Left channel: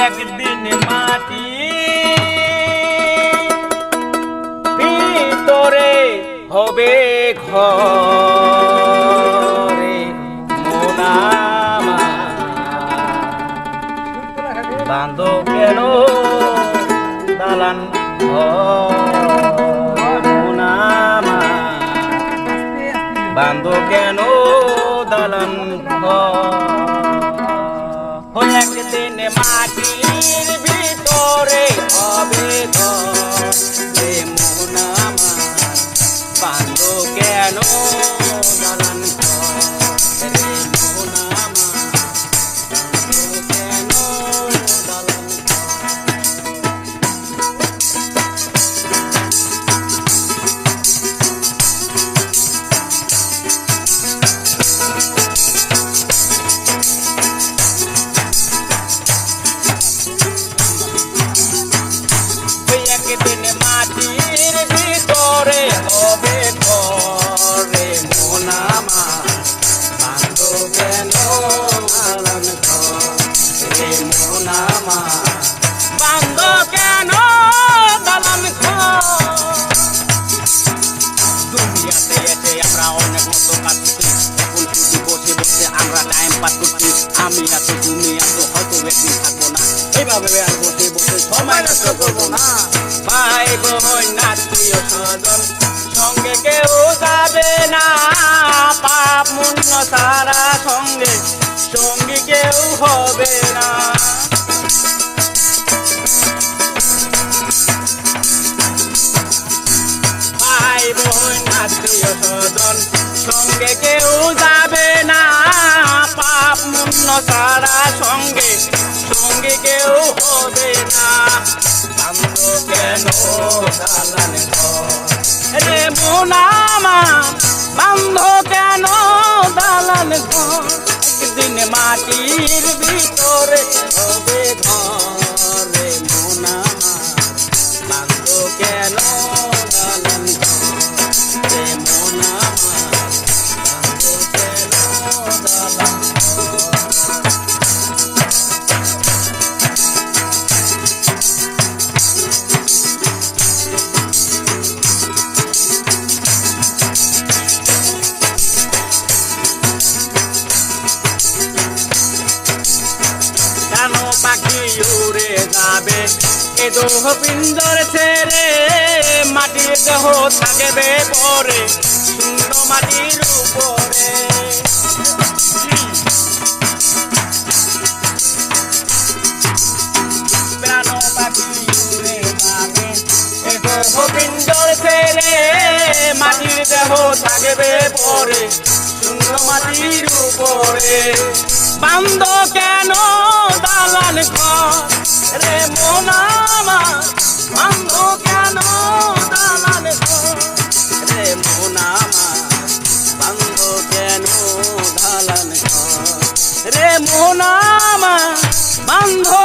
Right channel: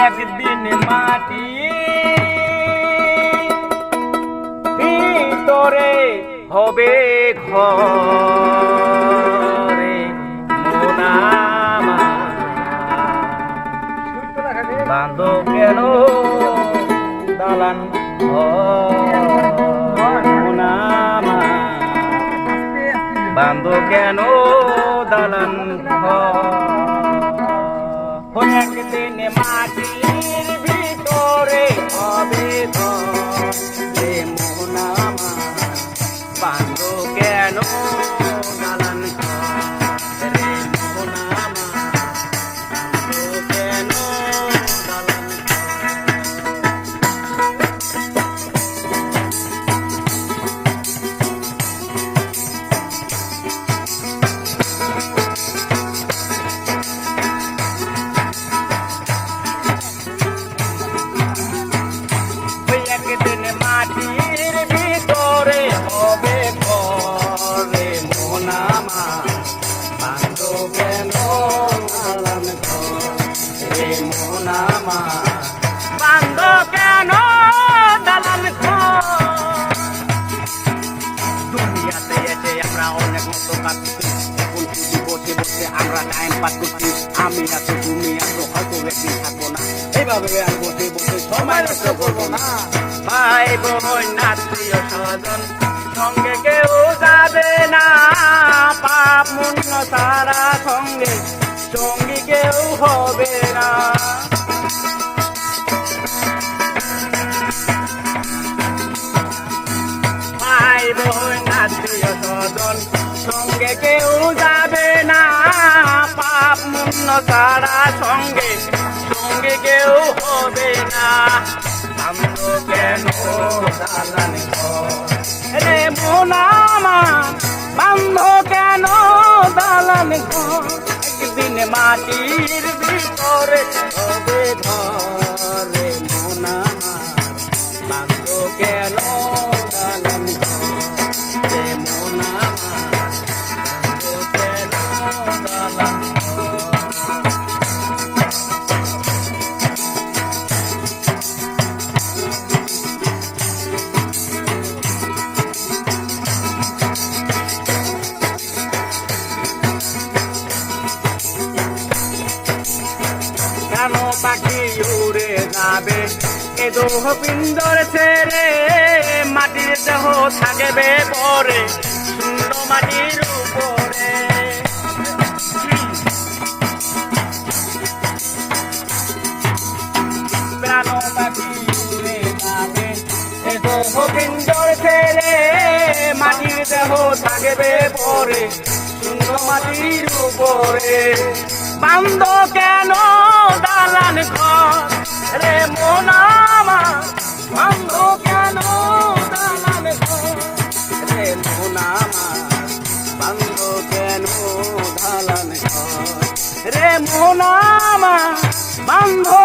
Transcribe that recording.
একদিন মাটি ভিতরে হবে ঘরে মোনামা বাঁধো কেন দালান মোনামা বাঁধো কেন দালান একদিন মাটির ভিতরে হবে ঘরে মোনামা বাঁধো কেন দালান ঘরে মোনামা বাঁধো কেন দালান একদিন মাটির ভিতরে হবে ঘরে মোনামা বাঁধো কেন দালান ঘরে মোনামা বাঁধো কেন দালান দুনিয়াতে এসে আমরা অনেক মতো কাটছি বসে বসে আমরা টাইম পাস করছি আমি আছি তুমি আছো হয়তো একদিন থাকবো না এইভাবে আর বসে বসে সময় নষ্ট করবো না ভাই বোন আত্মীয় স্বজন সঙ্গে কেউ যাবে না পাপ পুণ্য সারা সঙ্গে সঙ্গী কেউ হবে না ভাই বোন আত্মীয় স্বজন সঙ্গে কেউ যাবে না পাপ পুণ্য সারা সঙ্গে সঙ্গে কেউ হবে না বাঁধো কেন দালান ঘরে মোনামা বাঁধো কেন দালান একদিন মাটির ভিতরে হবে ঘরে মোনামা বাঁধো কেন দালান ঘরে মোনামা বাঁধো কেন দালান পাখি উড়ে যাবে এ দেহ পিঞ্জর ছেড়ে মাটির দেহ থাকবে পরে শূন্য মাটির উপরে প্রাণ পাখি উড়ে যাবে এ দেহ পিঞ্জর ছেড়ে মাটির দেহ থাকবে পরে শূন্য মাটির উপরে বাঁধো কেন দালান ঘরে মোনামা বাঁধো কেন দালান ঘরে মোনামা বাঁধো কেন দালান ঘরে মোনামা বাঁধো